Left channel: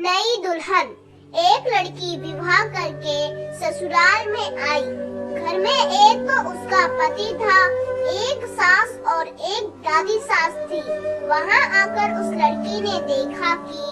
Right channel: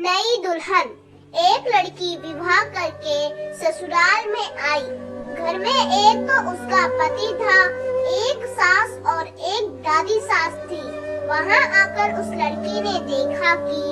नई दुल्हन। एक लड़की विवाह करके ससुराल में आई। घर में एक तो उसका पति था, एक सास और एक दादी सास थी। वहाँ आकर उस लड़की ने देखा कि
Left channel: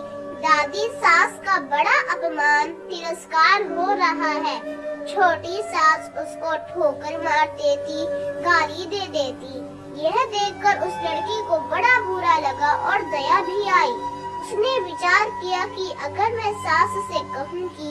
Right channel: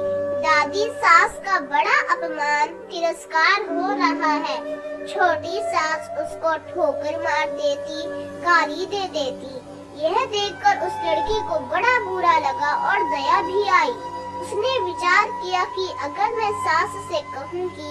दादी सास का बड़ा अपमान तिरस्कार हो रहा है। छोटी सास उसको ठोकर मार देती, गाली दे देती। यह देखकर उस लड़की को बड़ा बुरा लगा और दया भी आई। उसने विचार किया कि अगर मैं सास से कहूँ कि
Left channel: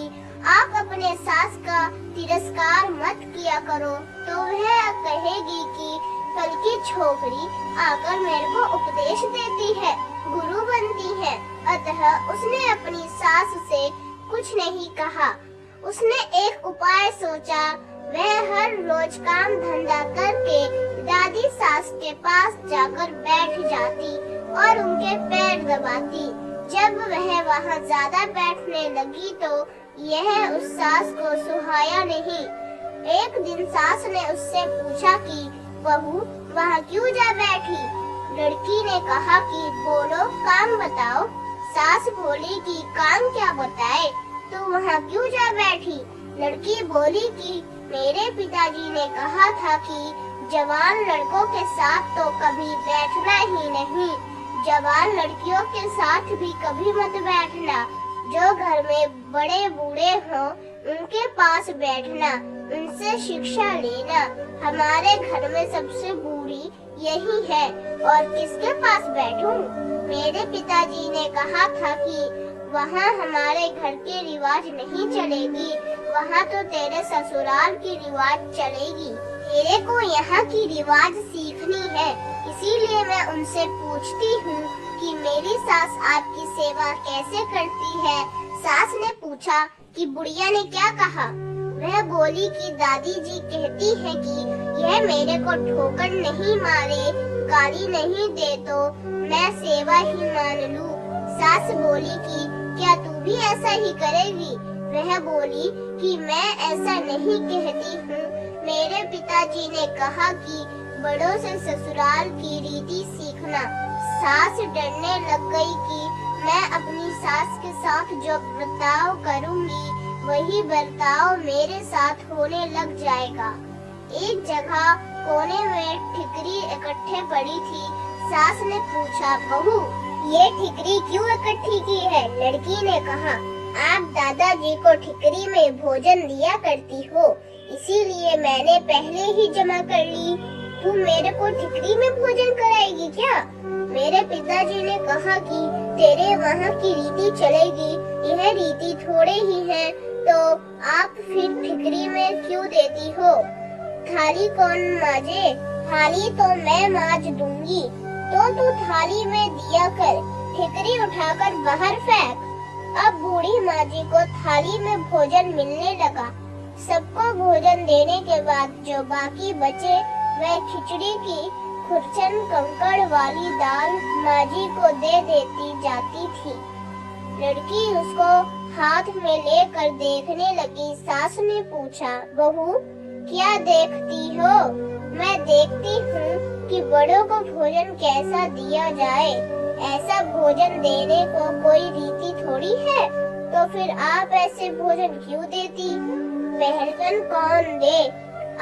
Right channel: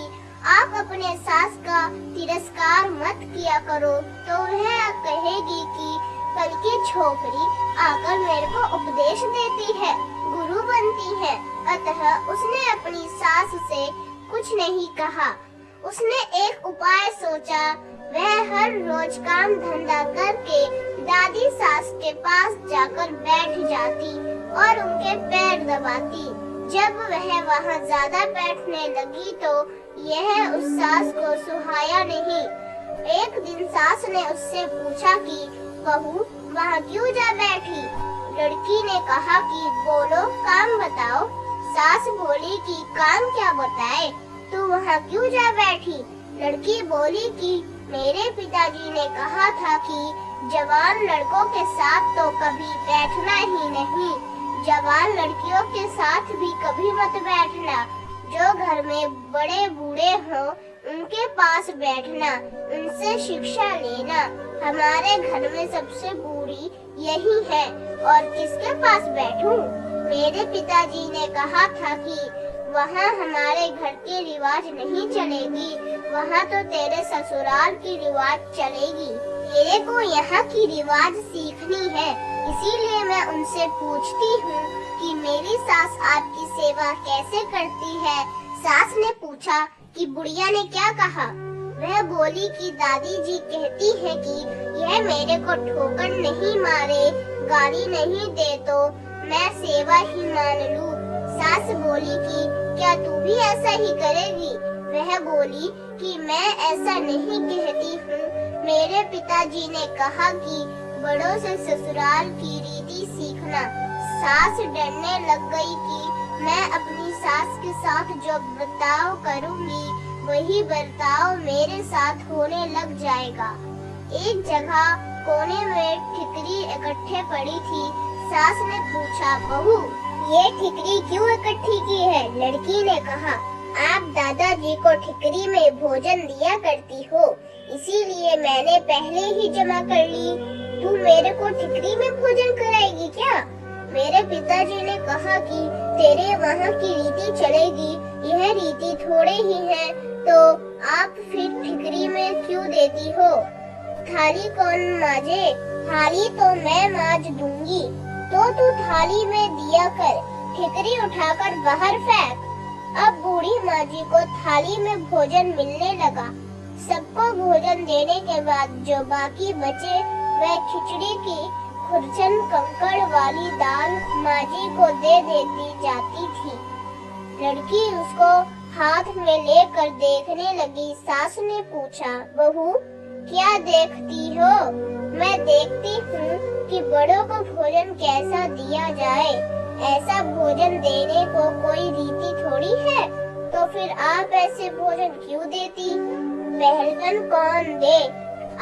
आप अपने सास का तिरस्कार मत किया करो, तो वह कहेगी कि कल की छोकरी आकर मेरे को उपदेश देती है, गुरु बनती है। अतः उसने अपनी सास से कुछ नहीं कहा। उसने एक उपाय सोचा। वह हर रोज काम धंधा करके दादी सास के पास जाकर बैठ जाती और उनके पैर दबाती। जब वह वहाँ ज्यादा बैठने लगी तो यह उस सास को सुहाया नहीं। एक दिन सास ने उससे पूछा कि बहू वहाँ क्यों जा बैठी? लड़की ने कहा कि बोलो, काम बताओ। सास बोली कि काम क्या बताए, तू वहाँ क्यों जा बैठी? लड़की बोली कि मेरे पिताजी ने कहा था कि जवान लड़कों के साथ तो कभी बैठना ही नहीं, जवान लड़कियों के साथ भी कभी मत बैठना। जो घर में बड़े बूढ़े हों उनके पास बैठना, उनसे शिक्षा लेना। हमारे घर में सबसे बूढ़ी यही है और किसके पास बैठूं? मेरे पिताजी ने कहा था कि वहाँ हमारे घर की रिवाज नहीं चलेगी, वहाँ तो तेरे ससुराल की रिवाज चलेगी। तेरे को यहाँ की रिवाज सीखनी है, इसीलिए मैं उनसे पूछती हूँ कि मेरी सास आपकी सेवा कैसे करती है। सास ने पूछा कि बुढ़िया ने क्या कहा? वह बोली कि दादी जी कहती है कि यह मेरे को ठोकर नहीं मारे, गाली नहीं दे तो मैं सेवा ही मान लूं। सास बोली कि क्या तू भी ऐसा ही करेगी? वह बोली कि मैं ऐसा नहीं कहती हूँ। मेरे पिताजी ने कहा कि बड़ों से ससुराल की रीति सीखना। सास डरने लग गई कि मैं अपनी सास के साथ जो बर्ताव करूँगी वही बर्ताव मेरे साथ होने लग जाएगा। एक जगह कोने में ठिकरी इकट्ठे पड़ी थी। सास ने पूछा, बहू ये ठिकरी क्यों इकट्ठी की है? लड़की ने कहा, आप दादाजी को ठिकरी में भोजन दिया करती हो, इसीलिए मैंने पहले ही जमा कर ली। तू मेरे को ठिकरी में भोजन कराएगी क्या? मेरे पिताजी ने कहा कि तेरे वहाँ की रीति चलेगी, यह रीति थोड़े ही है, तो आप फिर ठिकरी में क्यों देती हो? थाली कौन माजे? थाली तो मैं माज दूंगी, तो तू थाली में दिया कर, ठिकरी उठाकर बाहर फेंक। अब बूढ़ी माँ जी को थाली में भोजन मिलने लगा। सबको भोजन देने के बाद जो बाकी बचे वह खिचड़ी की खुरचन कंकड़ वाली दाल माँ जी को दे देती जाती थी। लड़की उसको हाथ में लेकर देखने लगी। सास ने पूछा, बहू क्या देखती हो? मैं देखती हूँ कि बड़ों को भोजन कैसा दिया जाए। ऐसा भोजन देने को कोई रीति थोड़ी है, तो फिर आप ऐसे भोजन क्यों देती? पहलवन कौन दे?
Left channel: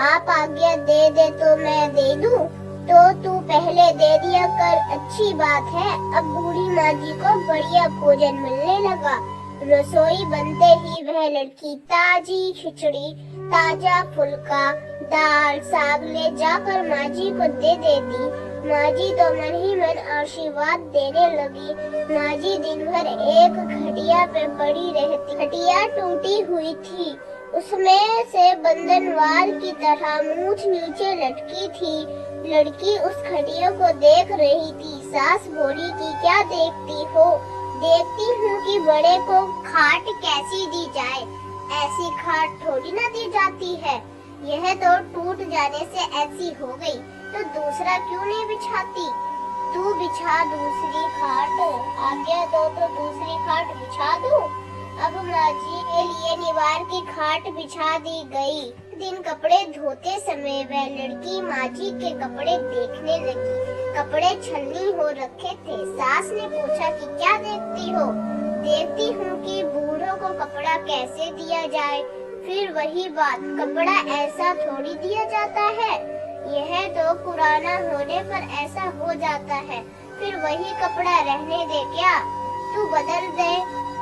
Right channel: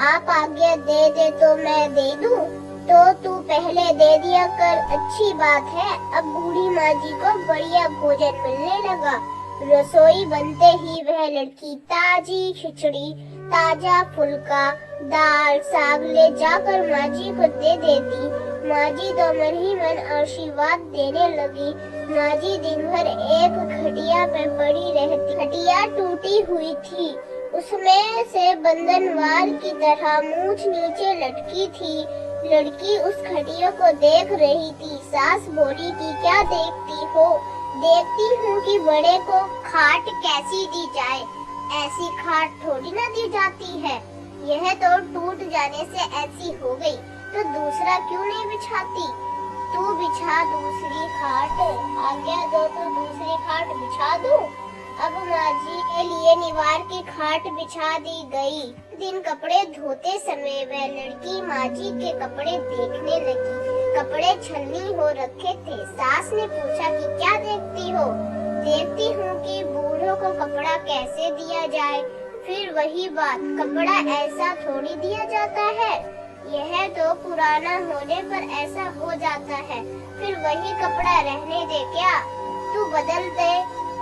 आप आज्ञा दे तो मैं दे दूं, तो तू पहले दे दिया कर। अच्छी बात है। अब बूढ़ी माँ जी को बढ़िया भोजन मिलने लगा। रसोई बनते ही वह लड़की ताजी खिचड़ी, ताजा फुल्का, दाल, साग ले जाकर माँ जी को दे देती। माँ जी तो मन ही मन आशीर्वाद देने लगी। माँ जी दिन भर एक खटिया पे पड़ी रहती। खटिया टूटी हुई थी, उसमें से बंधनवार की तरह मूंछ नीचे लटकी थी। लड़की उस खटिया को देख रही थी। सास बोली कि क्या देखती हो? देखती हूँ कि बड़े को खाट कैसी दी जाए। ऐसी खाट थोड़ी ना दी जाती है, यह तो टूट जाने से ऐसी हो गई, तो दूसरा क्यों नहीं बिछाती? तू बिछा दूसरी खाट। आज्ञा दो तो दूसरी खाट बिछा दूं। अब माँ जी के लिए निवार की खाट बिछा दी गई। दिन कपड़े धोते समय वह लड़की माँ जी के कपड़े देखने लगी। कपड़े छलनी हो रखे थे। सास ने पूछा कि क्या देखती हो? देखती हूँ कि लड़कियों को कपड़ा कैसे दिया जाए। फिर वही बात, कपड़ा ऐसा थोड़ी दिया जाता है, यह तो पुराना होने पर ऐसा हो जाता है। फिर वही कपड़ा रहने दे क्या, तू बदल दे।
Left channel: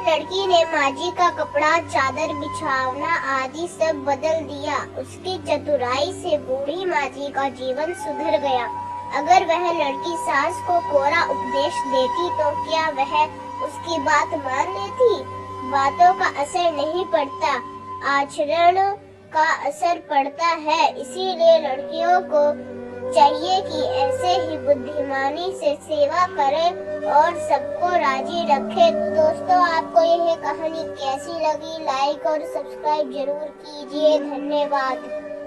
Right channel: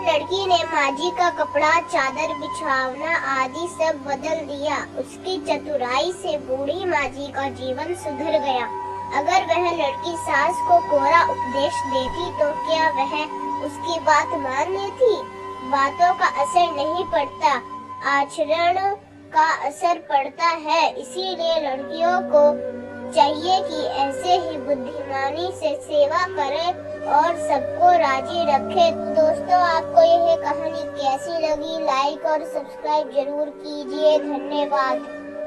लड़की ने माजी का कपड़ा, चादर, बिछावना आदि सब बदल दिया। उसकी चतुराई से बूढ़ी माजी का जीवन सुधर गया। अगर वह लड़की सास को कोरा उपदेश देती तो क्या वह उसकी बात मान लेती। बातों का असर नहीं पड़ता, आचरण का असर पड़ता है। इसीलिए लड़कियों को चाहिए कि ऐसे ही बुद्धिमानी से सेवा करे और सबको राजी रखे। दोस्तों, आपको यह कहानी कैसी लगी, लाइक और सब्सक्राइब जरूर कीजिए। धन्यवाद।